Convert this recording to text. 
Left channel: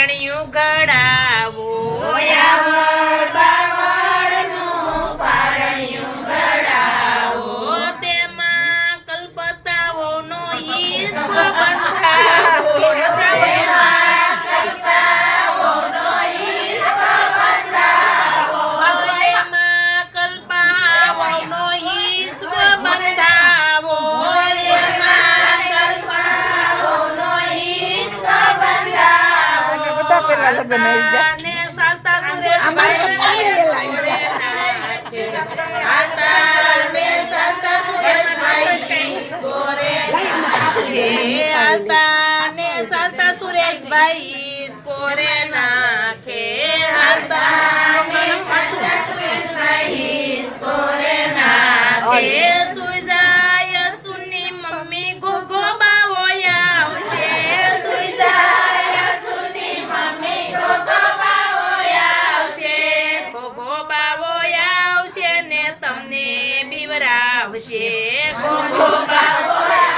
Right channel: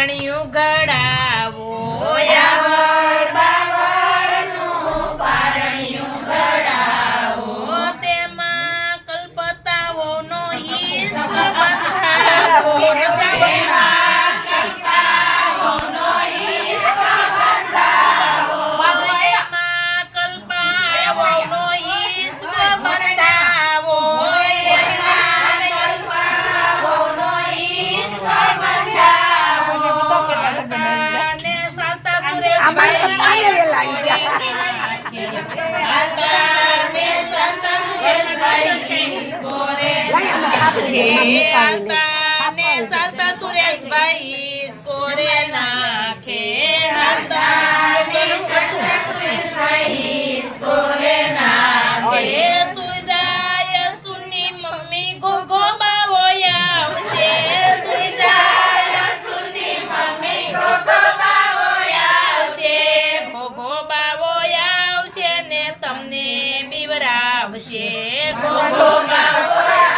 પારણિયું ઘડાવો તેમાં કલ્પતાઓનો ઈશ્ક બંધાવો ચાલતા સુરેશભાઈ સ્કોરે નાખે સુઈ જાય સુની મમ્મી ઘોઘો બાવો આવશે સુઈ જાય સુની મમ્મી ઘોઘો બાવો આવશે ઘોઘો બાવો આવશે ને તમને બીવરાવશે ઘોઘો બાવો